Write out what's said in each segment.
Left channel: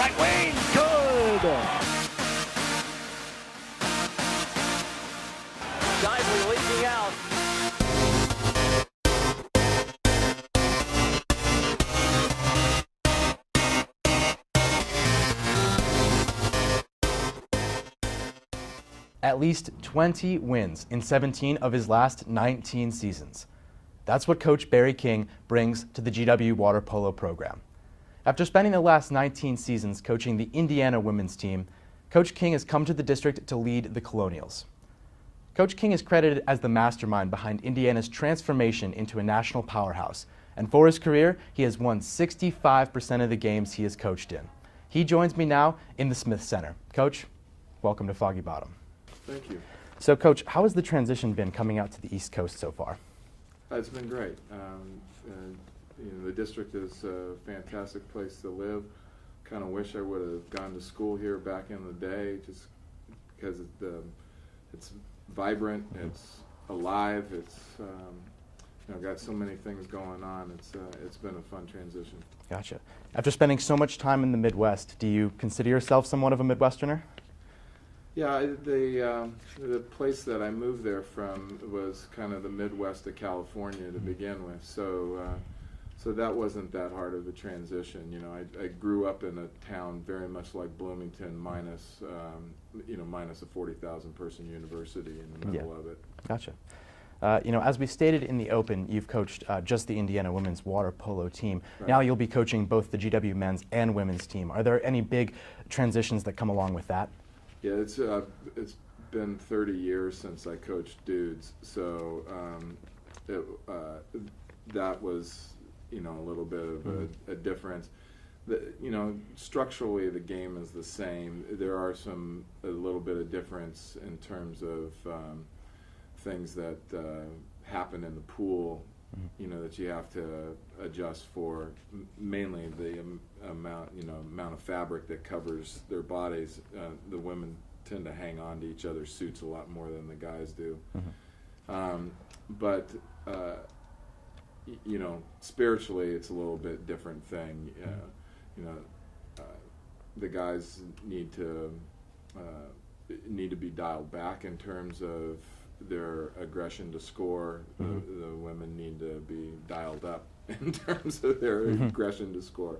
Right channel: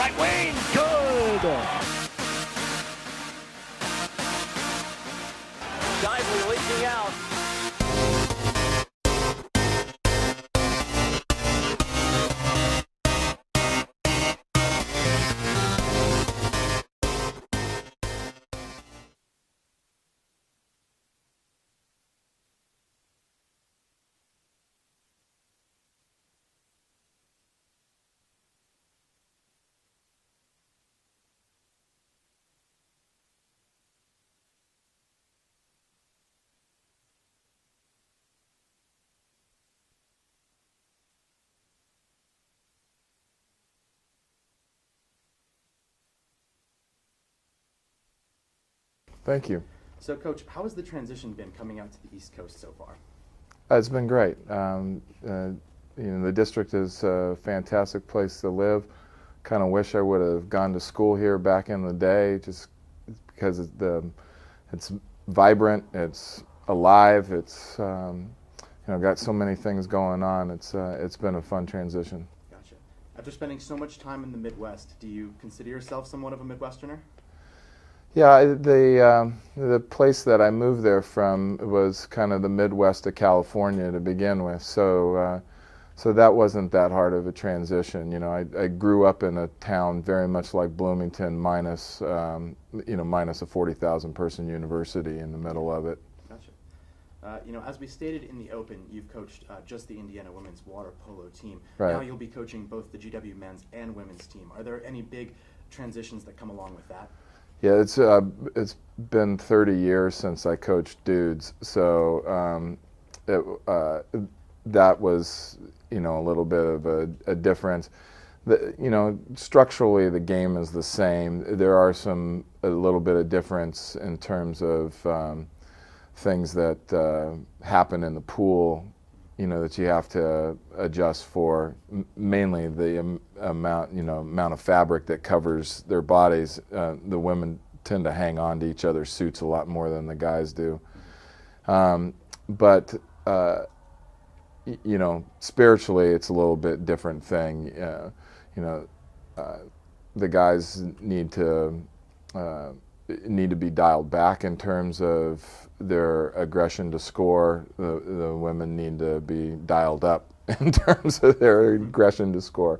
Right wing, good. Dively leaking out. At least 20 wins in 17 of his last 19 seasons. That's what Coach Barry King brings to the GW Water Polo program. After spending the last 19 seasons coaching the Indiana women's team, Coach King has come to the district to lead the Colonials. Coach King is credited as the mastermind behind Indiana's transformation into a national powerhouse, and for his career, he has won 65% of the games he has coached in. He joins me now in the Smith Center. Coach, welcome to Foggy Bottom. Thank you. So, Coach, how has the transition been coming out to the East Coast so far? It's been great. The district is a fantastic place to live. Kind of wish I would have gone to school here back in the day, just because it's vibrant, it's alive, it's got so many things going on. It's been a fun transition. Gotcha. After spending so much time in the Midwest, do you consider yourself somewhat of a Midwesterner? Yeah, the place that I moved there from was kind of the Midwest of California to begin with, so that wasn't that hard of a transition. I grew up in a town very much like Bloomington, minus a 40,000 person university in the middle of it. Gotcha. As we stated in the open, you've coached just the Indiana women's water polo team. Right. Now you'll be coaching both the GW men's and women's team. Are there any big transitions that come along with that? Yeah, it's been 30 years since I coached dudes, so that was a little bit of a difference. Structurally the game is the same. There are a little bit of difference in terms of things that happen in the pool, that you have to adjust for. Mainly the amount of fabric that covers their bodies. The women tend to hang on to each other's suits a lot more than the guys do. But spiritually, it's a little bit different thing. The guys need to be dialed back in terms of their aggression to score. The women need to be dialed up in terms of their aggression to score.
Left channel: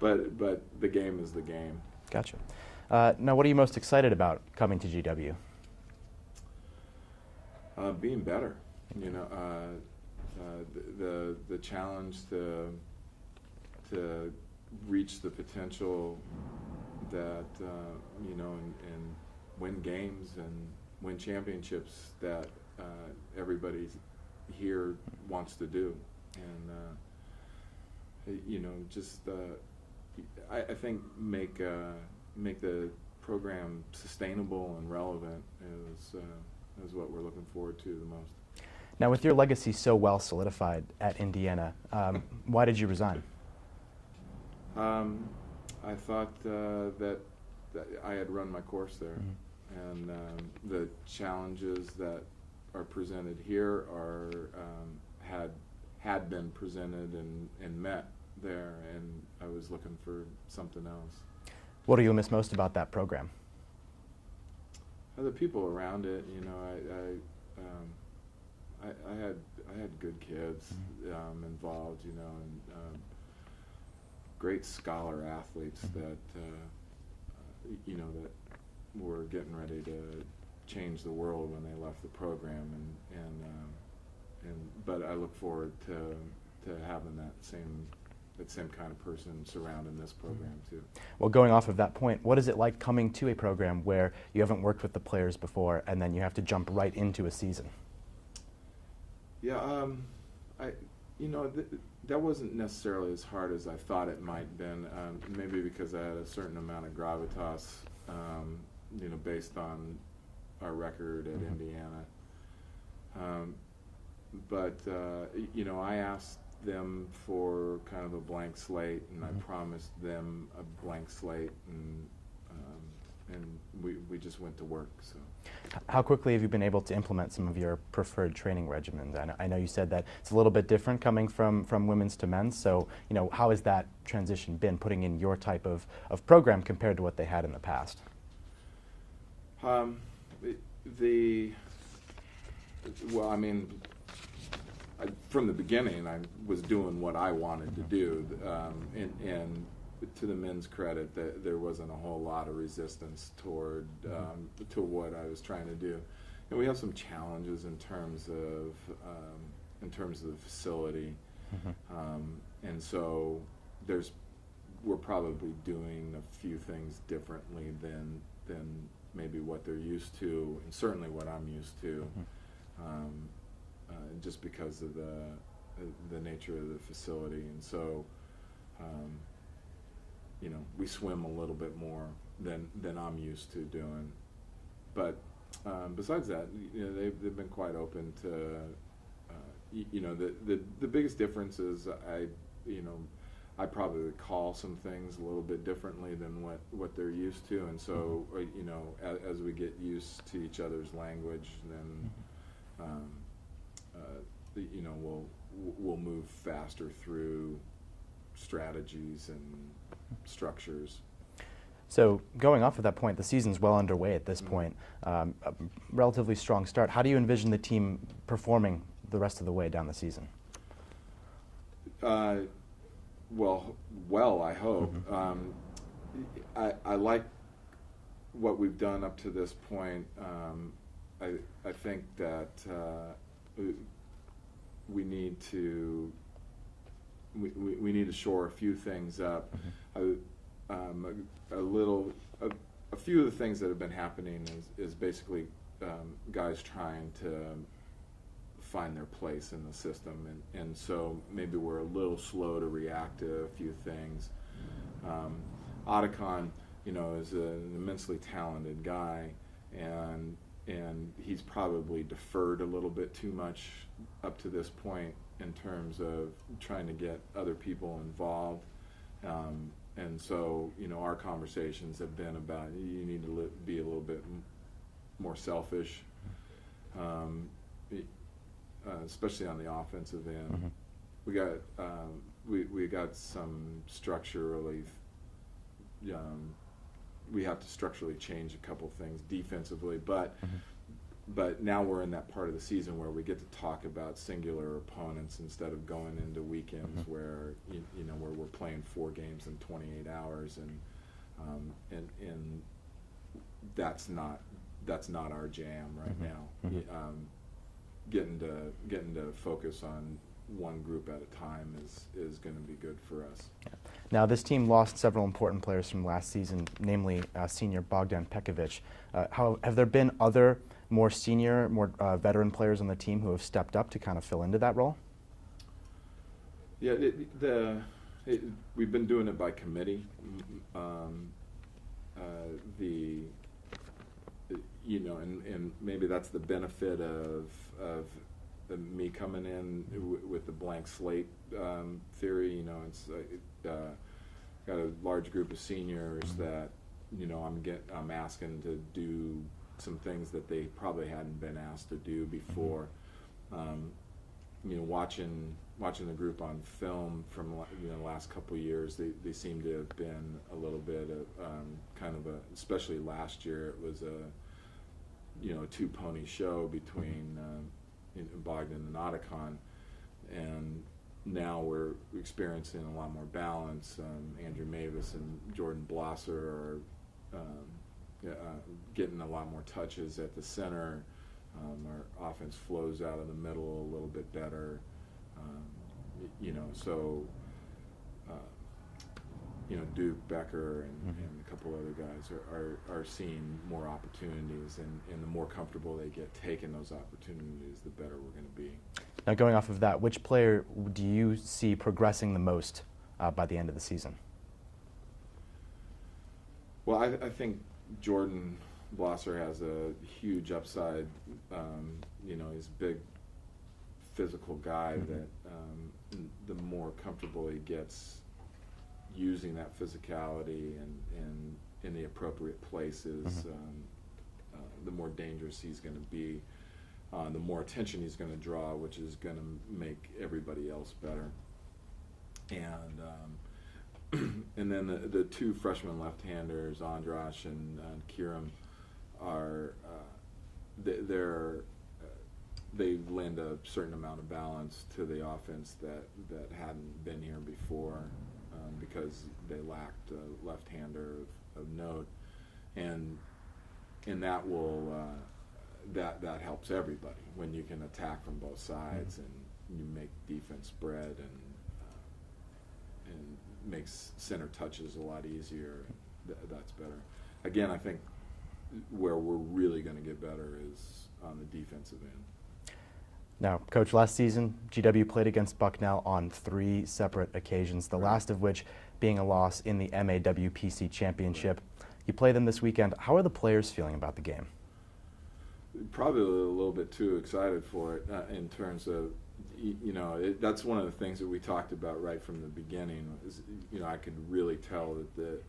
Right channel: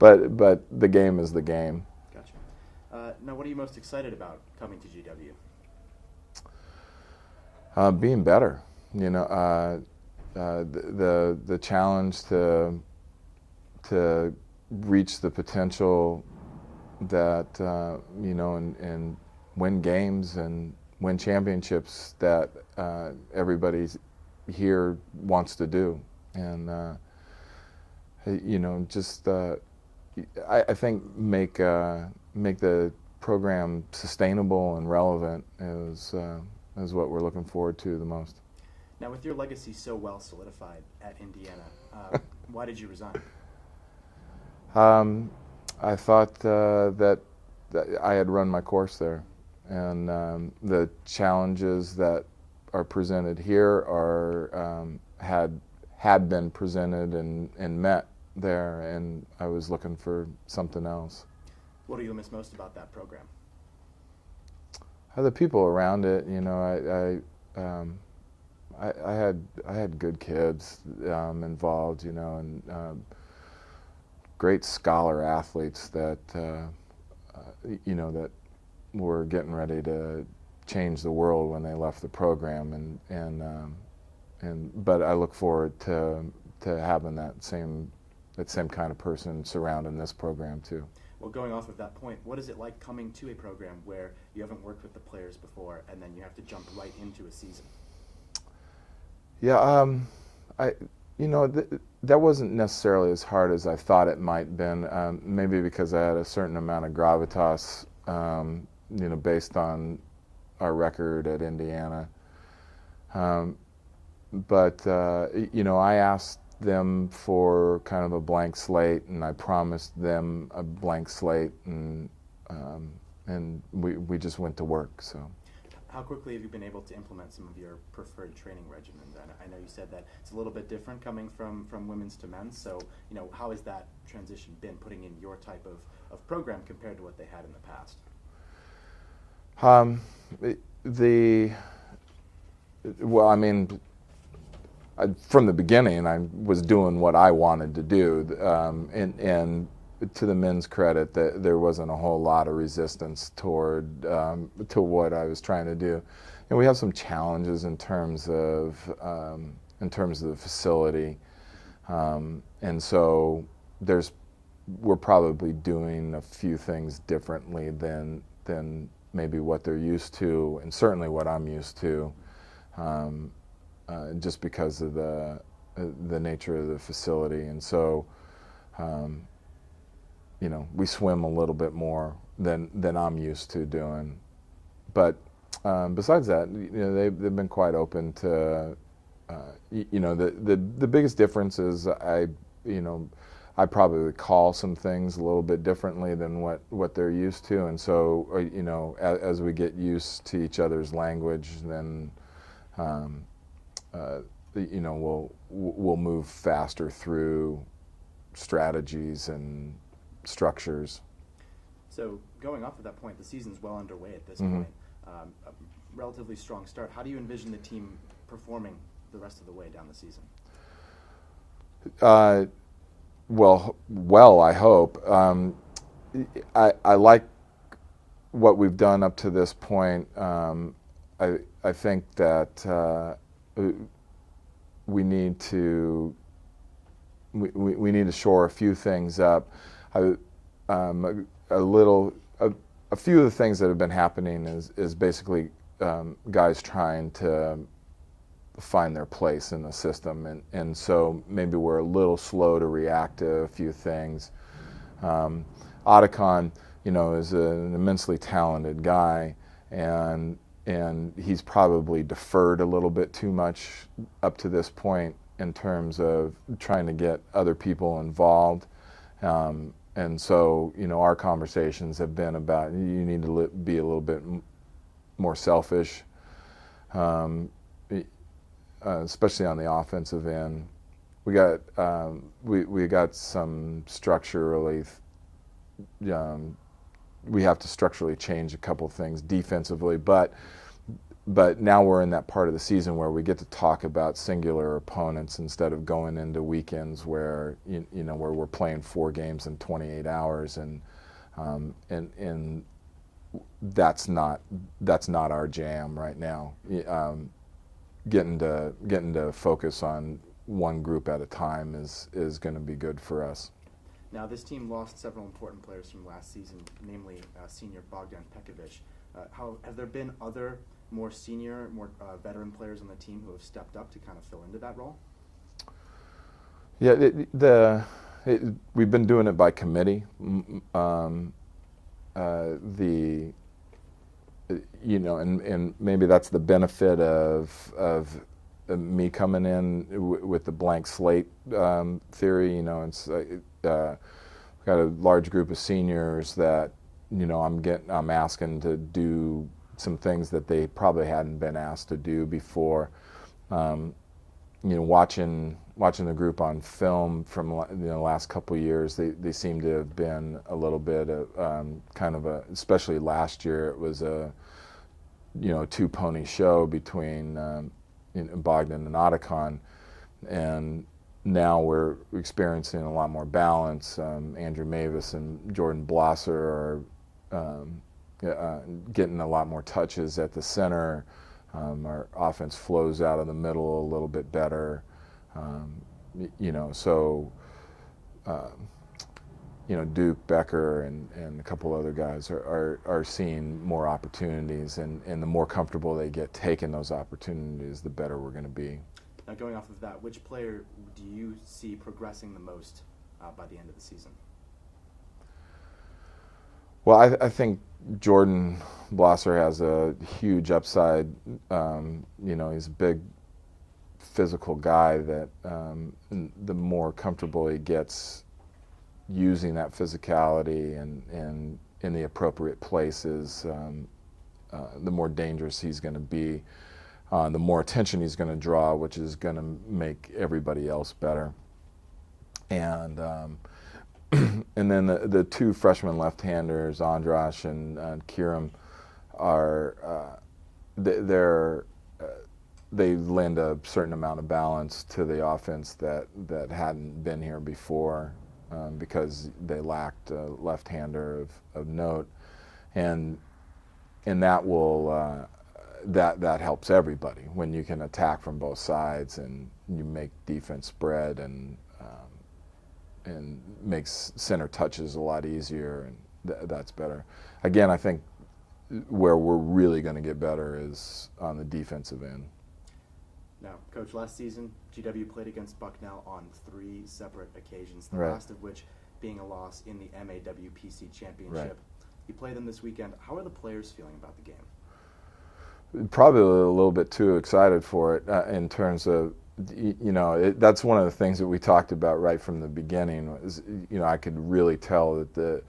But the game is the game. Gotcha. Now, what are you most excited about coming to GW? Being better. The challenge to reach the potential that and win games and win championships that everybody here wants to do, and I think make the program sustainable and relevant is what we're looking forward to the most. Now, with your legacy so well solidified at Indiana, why did you resign? I thought that I had run my course there, and the challenges that are presented here had been presented and met there, and I was looking for something else. What do you miss most about that program? The people around it. I had good kids involved, and great scholar athletes that that were getting ready to change the world when they left the program, but I look forward to having that same kind of person surrounding this program too. Well, going off of that point, what is it like coming to a program where you haven't worked with the players before and then you have to jump right into a season? Yeah, that wasn't necessarily as hard as I thought it might have been. Maybe because I had a certain amount of gravitas, based on our record at Indiana. But I asked them for kind of a blank slate, and I promised them a blank slate, and we just went to work. So How quickly have you been able to implement some of your preferred training regimens? I know you said that it's a little bit different coming from women's to men's, so how has that transition been, putting in your type of program compared to what they had in the past? Well, I mean, from the beginning, I was doing what I wanted to do, and to the men's credit, there wasn't a whole lot of resistance toward to what I was trying to do, and we have some challenges in terms of the facility, and so we're probably doing a few things differently than maybe what they're used to, and certainly what I'm used to. Just because of the nature of the facility, and so we swim a little bit more than I'm used to doing. But besides that, they've been quite open to. The biggest difference is I probably call some things a little bit differently than what they're used to, and so as we get used to each other's language, then we'll move faster through strategies and structures. So going off of that point, the season's well underway at this point. A relatively strong start. How do you envision the team performing the rest of the way down the season? Well, I hope. I like what we've done up to this point. I think that we need to shore a few things up. A few of the things that have been happening is basically guys trying to find their place in the system, and so maybe we're a little slow to react to a few things. Otacon, is an immensely talented guy, and he's probably deferred a little bit too much up to this point in terms of trying to get other people involved. And so, our conversations have been about you need to be a little bit more selfish, especially on the offensive end. We got some structurally. We have to structurally change a couple things defensively, but now we're in that part of the season where we get to talk about singular opponents instead of going into weekends where where we're playing 4 games in 28 hours, and that's not our jam right now. Getting to focus on one group at a time is going to be good for us. Now, this team lost several important players from last season, namely senior Bogdan Pekovic. Have there been other more senior, more veteran players on the team who have stepped up to kind of fill into that role? Yeah, we've been doing it by committee. And maybe that's the benefit of me coming in with the blank slate theory. It's got a large group of seniors that I'm asking to do some things that they probably hadn't been asked to do before. Watching the group on film from the last couple of years, they seem to have been a little bit especially last year, it was a 2-pony show between Bogdan and Otacon, and now we're experiencing a lot more balance. Andrew Mavis and Jordan Blosser are getting a lot more touches at the center. Our offense flows out of the middle a little bit better. Duke, Becker, and a couple other guys are seeing more opportunities, and the more comfortable they get taking those opportunities, the better we're going to be. Now, going off of that, which player do you see progressing the most by the end of the season? Well, I think Jordan Blosser has a huge upside. He's a big physical guy that the more comfortable he gets using that physicality and in the appropriate places, the more dangerous he's going to be, the more attention he's going to draw, which is going to make everybody else better. And and then the two freshman left-handers, Andras and Kiram, are they lend a certain amount of balance to the offense that hadn't been here before, because they lacked a left-hander of note, and that will that helps everybody when you can attack from both sides and you make defense spread and makes center touches a lot easier, and that's better. Again, I think where we're really going to get better is on the defensive end. Now, Coach, last season, GW played against Bucknell on 3 separate occasions, the last of which being a loss in the MAWPC Championship. Right. You play them this weekend. How are the players feeling about the game? Probably a little bit too excited for it in terms of, that's one of the things that we talked about right from the beginning. Was, I could really tell that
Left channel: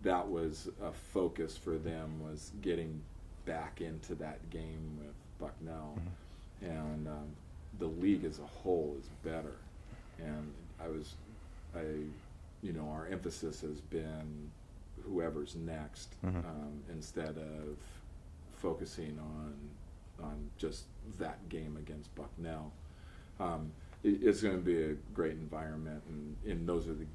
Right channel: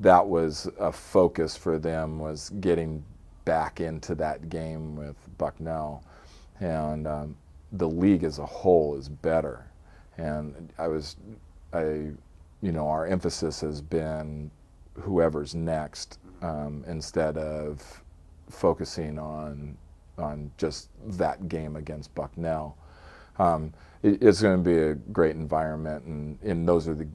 that was a focus for them, was getting back into that game with Bucknell. And the league as a whole is better. And our emphasis has been whoever's next, instead of focusing on just that game against Bucknell. It's going to be a great environment, and those are the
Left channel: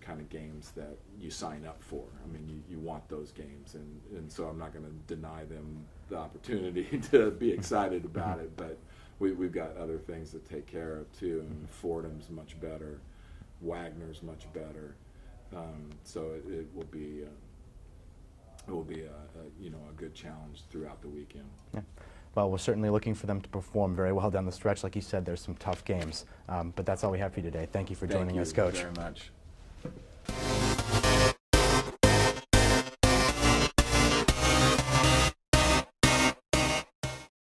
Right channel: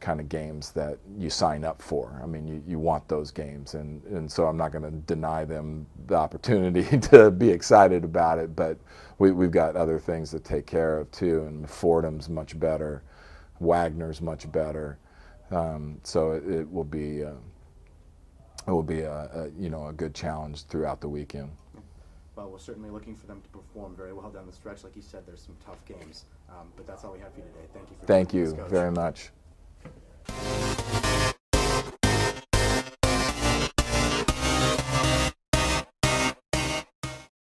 kind of games that you sign up for. I mean, you want those games, and so I'm not going to deny them the opportunity to be excited about it, but we've got other things to take care of too, and Fordham's much better, Wagner's much better, so it will be a good challenge throughout the weekend. Yeah. Well, we're certainly looking for them to perform very well down the stretch. Like you said, there's some tough games, but that's all we have for you today. Thank you for joining us, Coach. Thank you very much.